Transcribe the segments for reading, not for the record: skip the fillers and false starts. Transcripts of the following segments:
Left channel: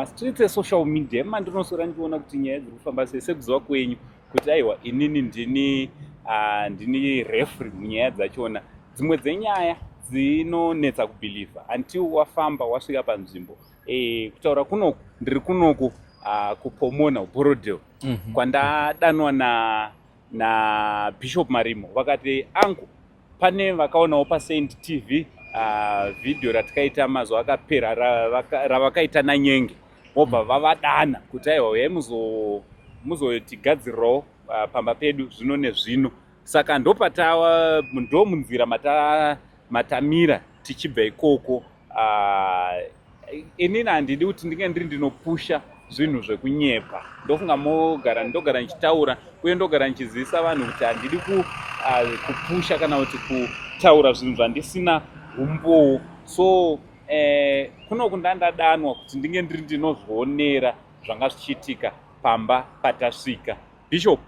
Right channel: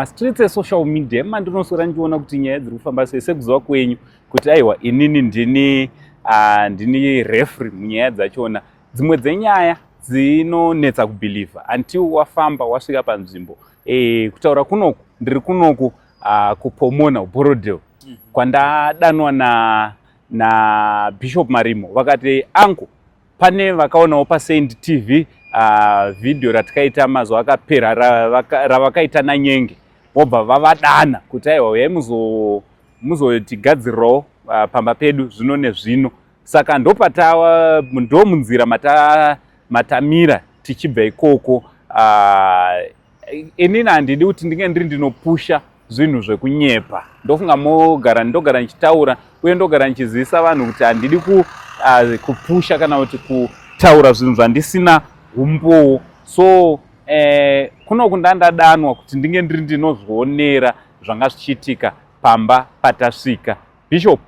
mumastreets esocial media mandinosora ndichiona kuti nyaya dziri kufamba sei sekuziva kwenyu kuti aiwa inini ndini referee munyaya dzachona. Dzimwe dzenyaya dzinonetsa kubhilivha until wafamba wasvika panzvimbo kutaura kunoku ndiri kunoku kuPomona Borodale kwandadanwa na Bishop Marimo vakati angu pane vakaonawo paSaint TV video ratikaita mazuva akapera ravakaita naNyenge vobva vavadana kuti aiwa uyai muzotigadzirirawo pamba pedu zvino nezvino. Saka ndo munzira matamira tichibva ikoko. Inini handidi kuti ndinge ndinopusha zvinhu zvekunyepa, ndofunga ndogara ndichitaura uye ndogara ndichizivisa vanhu kuti handidi kupusha kana kuti kutaura zvinhu zvandisina umbowo. So kunoku ndandadanwa kuti ndinge ndinozvionera zvanga zvichiitika pamba patasvika. Bishop,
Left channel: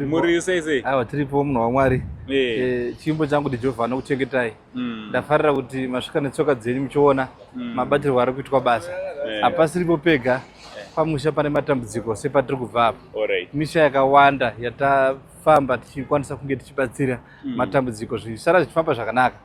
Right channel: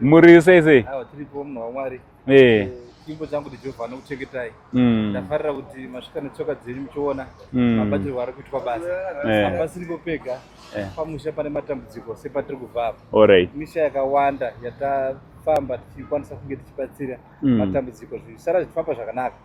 muri sei? Tiripo munhu waMwari. Chimbo changu ndiJehovha anokuchengetai. Ndafarira kuti masvika netsoka dzenyu muchiona mabatirwo ari kuitwa basa. Hapasiripo pega, pamusha pane matambudziko sepatiri kubva apo. Misha yakawanda yatafamba tichikwanisa kunge tichibatsira matambudziko zvisara zvichifamba zvakanaka.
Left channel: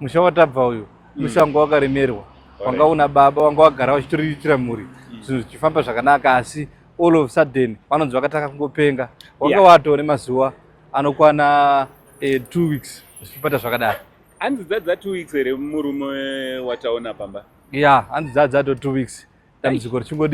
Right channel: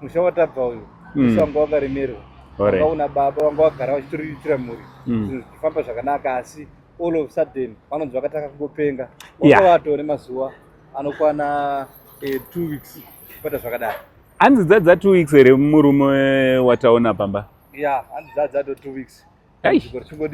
Musha watabva uyu musha wanga wakaremerwa, wanga una baba, wanga wagara wachitoriritira mhuri, zvinhu zvichifamba zvakanaka, asi all of a sudden vanonzi vakataka kungopenga. Wanga watore mazuva anokwana 2 weeks zvichibata zvakadaro. Hanzi dzadza 2 weeks here murume wataona pamba? Hanzi dzadzato 2 weeks. Dambudziko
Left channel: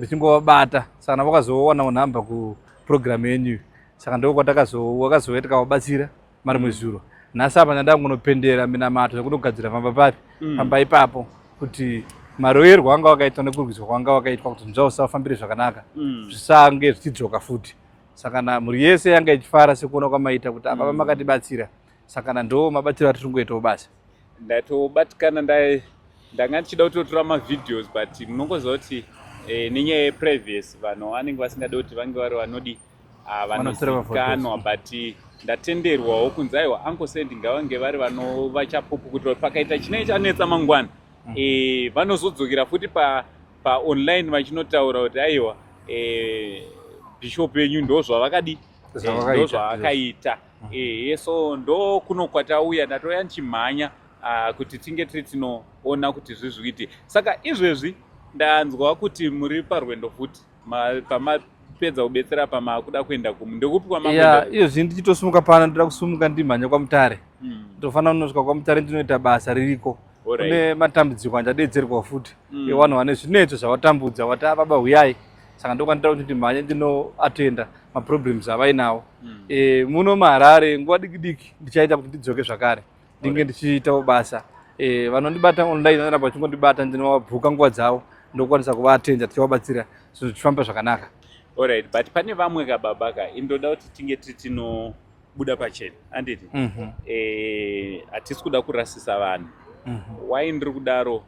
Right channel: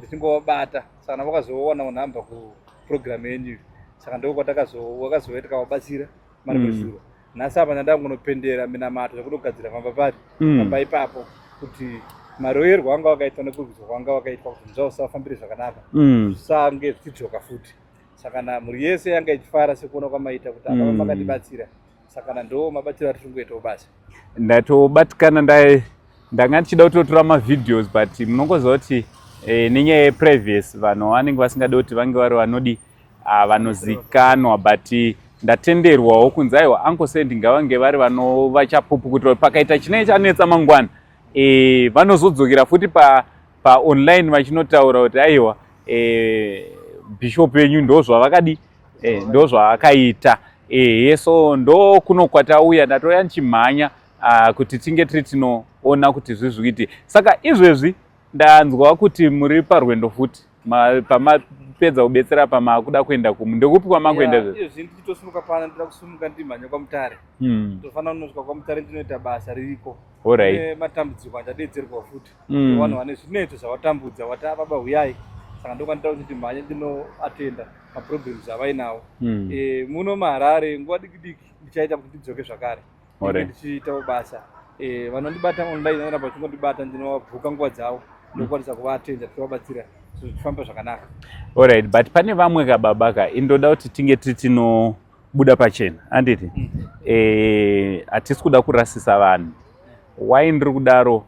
richingovabata, saka vakazowana nhamba kuprogramu yenyu. Saka ndokwatakazoenda tikavabatsira mari muzuro. Nhasi apa ndandangonopendera minamato nekundogadzira pamba pari pamba ipapo kuti maroverwo anga wakaitwa nekurwiswa kwanga wakaitwa kuti nzvao usafambire zvakanaka zvisange zvichidzoka futi. Saka mhuri yese yanga ichifara sekuona kwamaita kuti apa makatibatsira. Saka ndo mabatiro atiri kungoitawo basa. Ndatobatikana ndanga ndichida kutotora mavideos but munongoziva kuti nenyaya yeprevious vanhu vanenge vasingade kuti vange vari vanozikanwa but ndatenderwawo kunzi aiwa Uncle Sandy ngavange vari vanova chapupu kuti pakaita chinenge chanetsa mangwana vanozodzokera futi paonline vachinotaura kuti aiwa Bishop yenyu ndozvavakadi ndozvaakaita. So ndo kuno kwatauya ndatoya ndichimhanya kuti tinge tiri tinoona kuti zvizvikuiti. Saka izvezvi ndanzwa kuti muri parwendo futi pamapedza kubetsera pamakuda kuenda ndekupi kwamakuenda? Izvezvi ndichitosumuka pano ndoda kusumuka ndimhanya kwaMutare. Tofanira kunosvika kwaMutare ndinoita basa ririko. Kune matambudziko andadetserwa futi nevanhu vane zvinetso zvawatambudza wata baba huyai. Saka ndokwandira kuti ndimhanye ndinoatenda maproblems avainawo. Muno muHarare nguva diki ndichaita kuti ndidzoke zvakare ndinge ndichiitawo basa. Vanondibata online vanoramba vachingondibata ndinovabhuka nguva dzavo ndokwanisa kuvaatenda tichivabatsira zvinhu zvichifamba zvakanaka. Alright, but pane vamwe kababaka indoda kuti tinge tiri tinobuda pachena handiti? Hatisi kuda kurasisa vanhu. Why ndiri kudaro?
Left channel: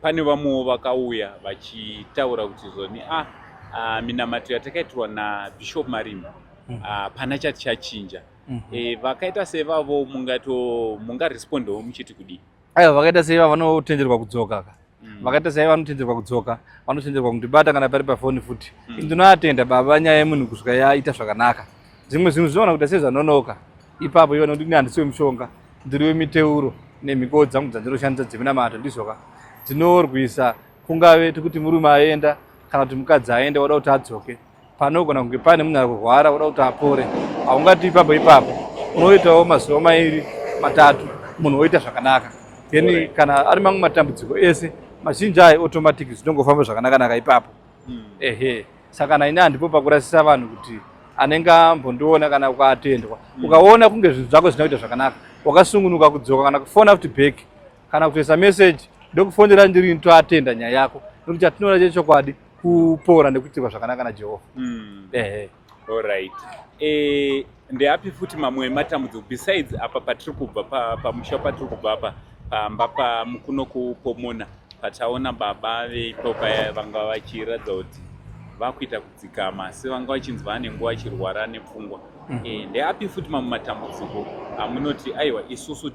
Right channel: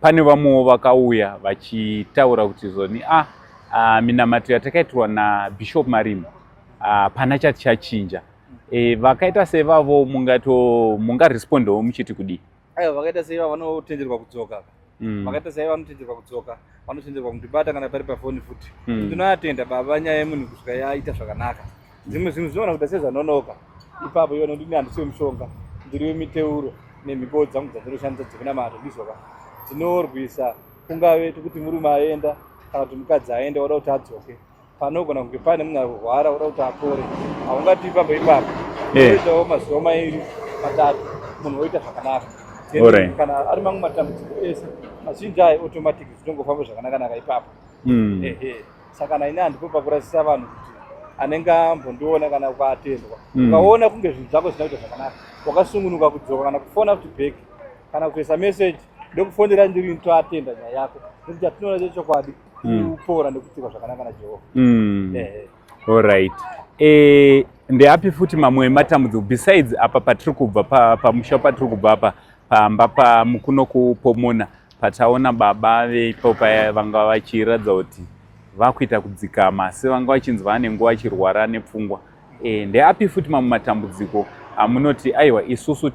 Pane vamwewo vakauya vachitaura kuti zoni minamato yatakaitirwa naBishop Marimo pana chati chachinja. Vakaita sevavo mungarespondawo muchiti kudii? Vakaita seiva vanotenderwa kudzoka. Vakaita seiva vanotenderwa kudzoka, vanotenderwa kundibata kana pari pafoni futi. Ndinoatenda baba nyaya yemunhu kusvika yaita zvakanaka. Zvimwe zvinhu zvinoona kuti sezvanonoka ipapo iona kuti handisi wemushonga, ndiri wemiteuro nemhiko dzangu dzandinoshandisa dzeminamato ndizoka dzinorwisa kungave kuti murume aenda kana kuti mukadzi aenda wada kuti adzoke. Panogona kunge pane munhu ari kurwara wada kuti apore, haungati ipapo oitawo mazuva 2 3 munhu oita zvakanaka. Kana ari mamwe matambudziko ese mazhinji ayo automatic zvinongofamba zvakanaka ipapo. Saka naine handipo pakurasisa vanhu kuti anenge ambondiona kana ukaatendwa ukaona kunge zvinhu zvako zvisina kuita zvakanaka wakasungunuka kudzoka kana kufona futi back kana kutoisa message ndokufonera ndiri ntoatenda nyaya yako nokuti atinoona chechokwadi kupora nekuitirwa zvakanaka naJehovha. Alright. Ndeapi futi mamwe matambudziko besides apa patiri kubva pamusha patiri kubva apa pamba mukuno kuPomona pataona baba veipopa vanga vachiratidza kuti vakuita kudzikama sevanga vachinzi vane nguva vachirwara nepfungwa. Ndeapi futi mamwe matambudziko amunoti aiwa isusu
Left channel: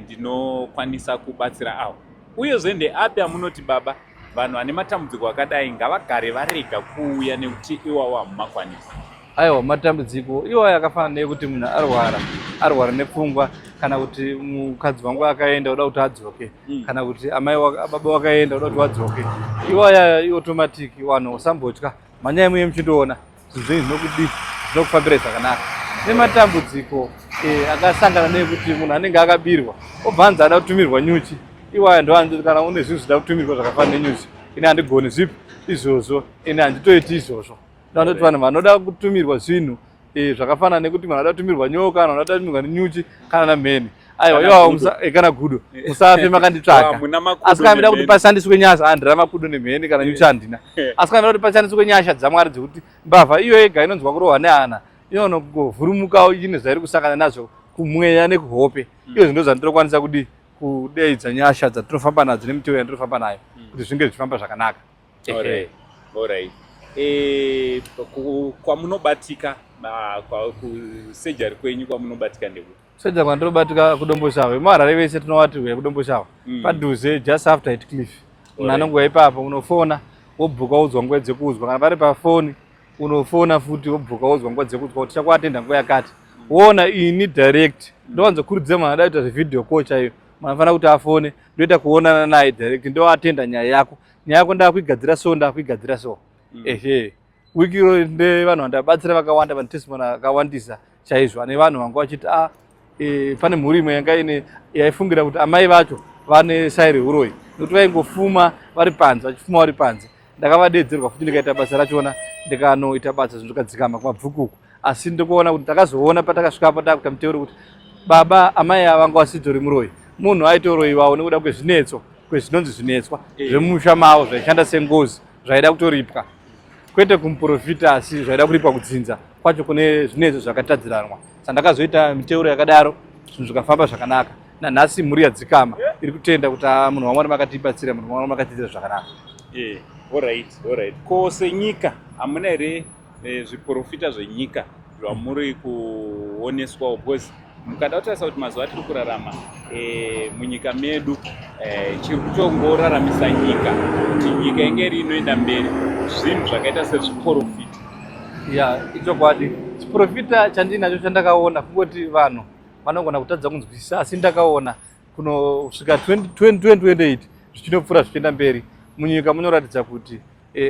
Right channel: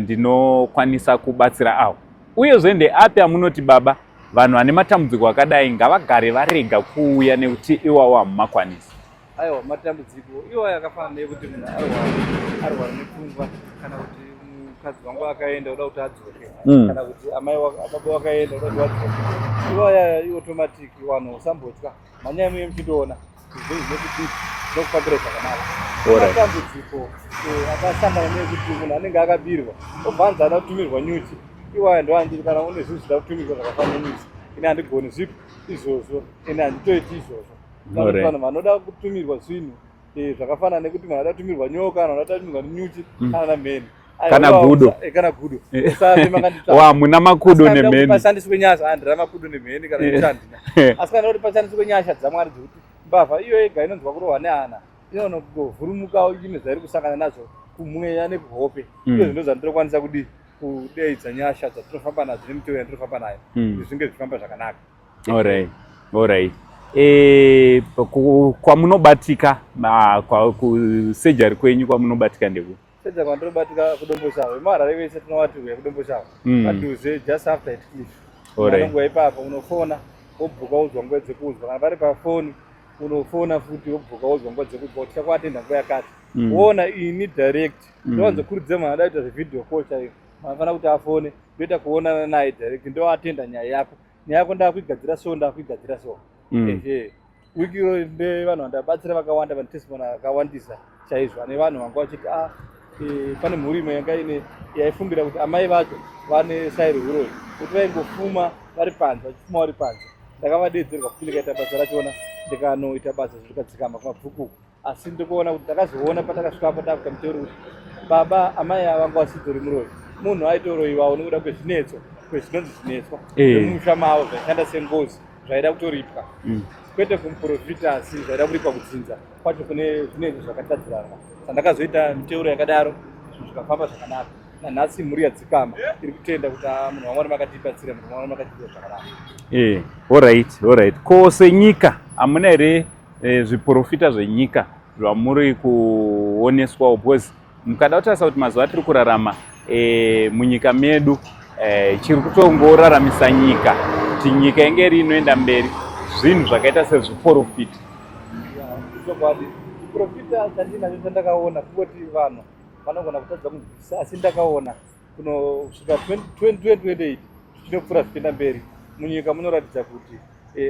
ndinokwanisa kubatsira awo? Uyezve ndeapi amunoti baba vanhu vane matambudziko akadai ngavagare varega kuuya nekuti iwawo hamumakwanisi. Aiwa, matambudziko iwayo akafanana nekuti munhu arwara nepfungwa, kana kuti mukadzi wangu akaenda uda kuti adzoke, kana kuti baba wakaenda uda kuti vadzoke, iwayo automatic. Vanhu usambotya, manyaya muye muchitoona zvinhu zvinokufambira zvakanaka. Matambudziko akasangana nekuti munhu anenge akabirwa obva anzi ada kutumirwa nyuchi, iwayo ndo kana une zvinhu zvida kutumirwa zvakafanana nenyuchi, ine handigoni zvipi izvozvo, ine handitoiti izvozvo. Ndatoti vanhu vanoda kutumirwa zvinhu zvakafanana nekuti munhu anoda kutumirwa nyoka, kana anoda kutumirwa nenyuchi, kana namheni, kana gudo, usafe makanditsvaka. Muna makudo nemheni. Asi kuti pashandiswe nyasha, handina makudo nemheni kana nyuchi handina. Asi kana kuti pashandiswe nyasha dzaMwari dzekuti mbavha iyo yega inonzwa kurohwa nehana, inongovhurumukawo ine zvairi kusangana nazvo kumweya nekuhope. Iyo zvinhu zvandinokwanisa kudeidza nyasha dzatinofamba nadzo nemitero yatinofamba nayo kuti zvinge zvichifamba zvakanaka. Alright. Kwamunobatika kusejari kwenyu kwamunobatika ndekuti? Sejari kwandinobatika kuDomboshawe. Maharare vese tinovati uya kuDomboshawe, padhuze just after Heathcliff. Munhu anongoya ipapo unofona wobhuka udzwa nguva dzekuzwa, kana pari pafoni unofona futi wobhuka udzwa nguva dzekuzwa kuti chakuatenda nguva yakati. Wona ini direct ndowanzokurudzira munhu anoda kuita zvevidhio call chaiyo, munhu anofanira kuti afone ndoita kuonana naye direct, ndoatenda nyaya yako. Nyaya yako ndakuigadzira so, ndakuigadzira so. Wiki iro ndevanhu vandabatsira vakawanda, vanotestimony akawandisa chaizvo, ane vanhu vanga vachiti pane mhuri imwe yanga yaifungira kuti amai vacho vane sairi uroi, kuti vaingofuma vari panze, vachifuma vari panze. Ndakavadedzerwa futi ndikaita basa rachona, ndikanoita basa zvinhu zvikadzikama kumabvukuku. Asi ndikuona kuti ndakazoona patakasvikapo takuita muteuro kuti baba amai ava vanga vasitori muroi, munhu aitoroiwawo nekuda kwezvinetso, kwezvinonzi zvinetswa zvemusha mavo zvaishanda sengozi zvaida kutoripwa, kwete kumuprofita asi zvaida kuripwa kudzinza kwacho kune zvinetso zvakatadziranwa. Sandakazoita miteuro yakadaro, zvinhu zvikafamba zvakanaka. Nanhasi mhuri yadzikama iri kutenda kuti munhu waMwari makatibatsira, munhu waMwari makatiitira zvakanaka. Alright. Ko senyika hamuna here zviprofita zvenyika zvamuri kuoneswawo? Because mukada kutarisa kuti mazuva tiri kurarama munyika medu chiri kutongoraramisa nyika kuti nyika inge iri inoenda mberi zvinhu zvakaita sezviprofita. Ichokwadi, chiprofita chandinacho chandakaona kungoti vanhu vanogona kutadza kunzwisisa, asi ndakaona kunosvika 2028 zvichinopfuura zvichienda mberi munyika munoratidza kuti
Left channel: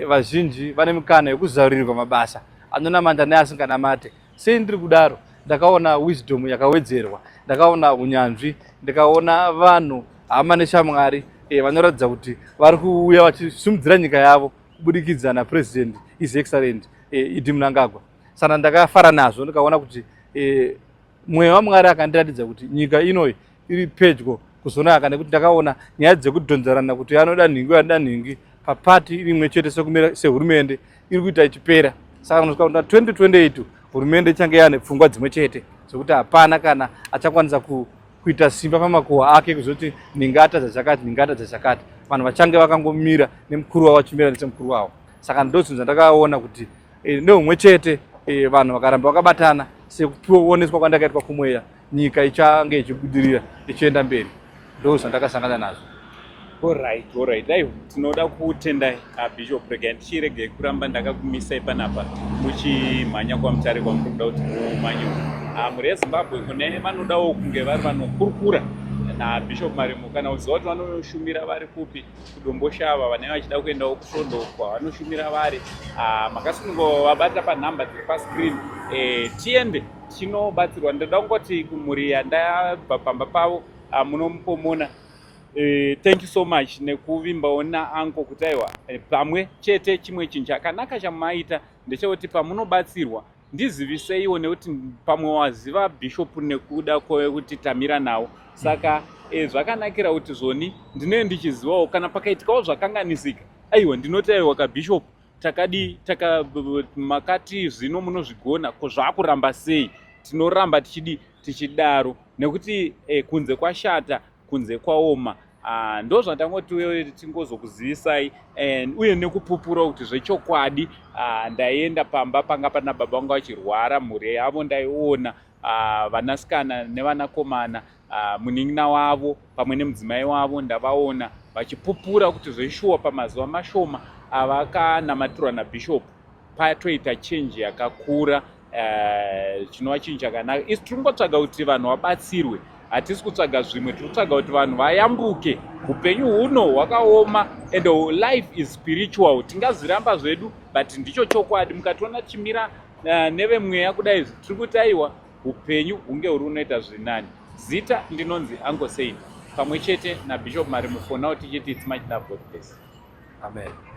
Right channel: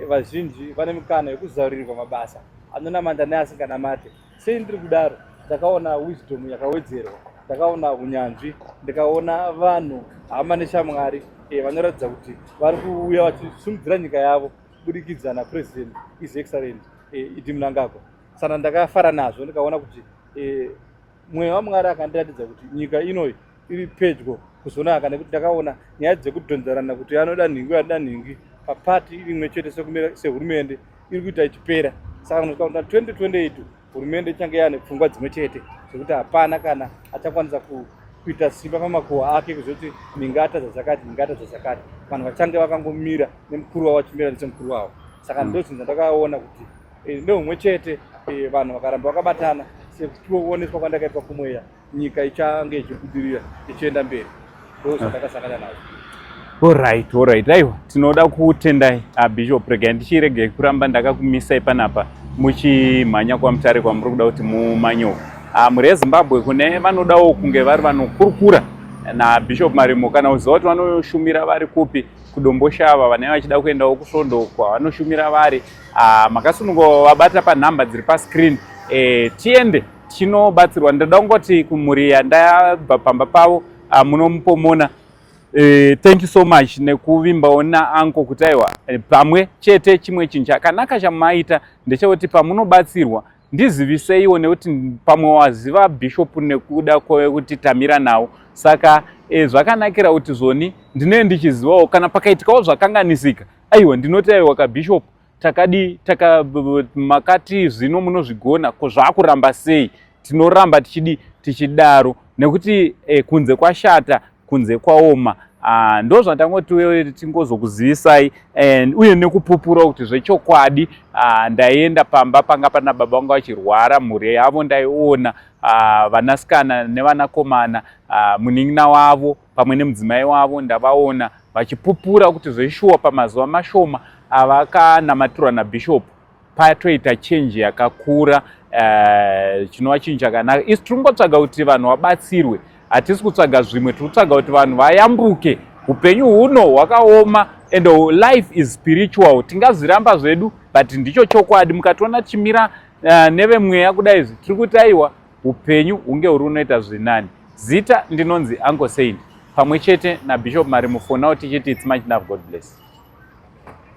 vazhinji vane mikana yekuzarurirwa mabasa anonamata neasinganamate. Sei ndiri kudaro? Ndakaona wisdom yakawedzerwa, ndakaona unyanzvi, ndikaona vanhu hama neshamwari vanoratidza kuti vari kuuya vachisimudzira nyika yavo kubudikidza naPresident His Excellent Idi Mnangagwa. Saka ndakafara nazvo, ndikaona kuti mweya waMwari akandiratidza kuti nyika inoi iri pedyo kuzonaka, nekuti ndakaona nyaya dzekudhonzerana kuti anoda nhingi anoda nhingi papati imwe chete sehurumende iri kuita ichipera. Saka unosvika kuti 2028 hurumende ichange yane pfungwa dzimwe chete dzekuti hapana kana achakwanisa kuita simba pamakuhwa ake kuzoti nhingi atadza chakati, nhingi atadza chakati. Vanhu vachange vakangomira nemukuru wavo vachimira nesemukuru wavo. Saka ndozvinhu zvandakaona kuti neumwe chete vanhu vakaramba vakabatana sekuoneswa kwandakaitwa kumweya, nyika ichange ichibudirira ichienda mberi. Ndo zvandakasangana nazvo. Alright. Aiwa, tinoda kutendai Bishop, regai ndichirege kuramba ndakakumisai panapa muchimhanya kwamutare kwamuri kuda kuti mumanyewo. Muri yeZimbabwe kune vanodawo kunge vari vanokurukura naBishop Marimo, kana uziva kuti vanoshumira vari kupi kuDomboshava, vanenge vachida kuendawo kuSvondo kwavanoshumira vari, makasunungovabata panhamba dziri pascreen, tiende tinobatsirwa. Ndoda kungoti kumhuri yandabva pamba pavo munompomona, thank you so much nekuvimbawo naanko kuti aiwa pamwe chete. Chimwe chinhu chakanaka chamaita ndechekuti pamunobatsirwa ndiziviseiwo, nekuti pamwe waziva Bishop nekuda kwekuti tamira nawo. Saka zvakanakira kuti zvoni ndinenge ndichizivawo kana pakaitikawo zvakanganisika, aiwa ndinoti aiwa kaBishop makati zvino munozvigona, ko zvakuramba sei? Tinoramba tichidaro nekuti kunze kwashata, kunze kwaoma. Ndo zvandangoti tingozokuzivisai uye nekupupura kuti zvechokwadi. Ndaenda pamba panga pana baba vangu vachirwara, mhuri yavo ndaiona, vanasikana nevanakomana, munin'ina wavo pamwe nemudzimai wavo ndavaona, vachipupura kuti zveshuwa pamazuva mashoma avakanamatirwa nabhishop patoita chenji yakakura chinova chinhu chakanaka. Isi tiri kungotsvaga kuti vanhu vabatsirwe, hatisi kutsvaga zvimwe, tiri kutsvaga kuti vanhu vayambuke. Upenyu huno hwakaoma and life is spiritual. Tingazviramba zvedu but ndicho chokwadi. Mukationa tichimira nevemweya kudai tiri kuti aiwa upenyu hunge huri unoita zvinani. Zita ndinonzi Uncle Saint pamwe chete naBishop Marimo. For now tichiti it's much love, God bless. Amen.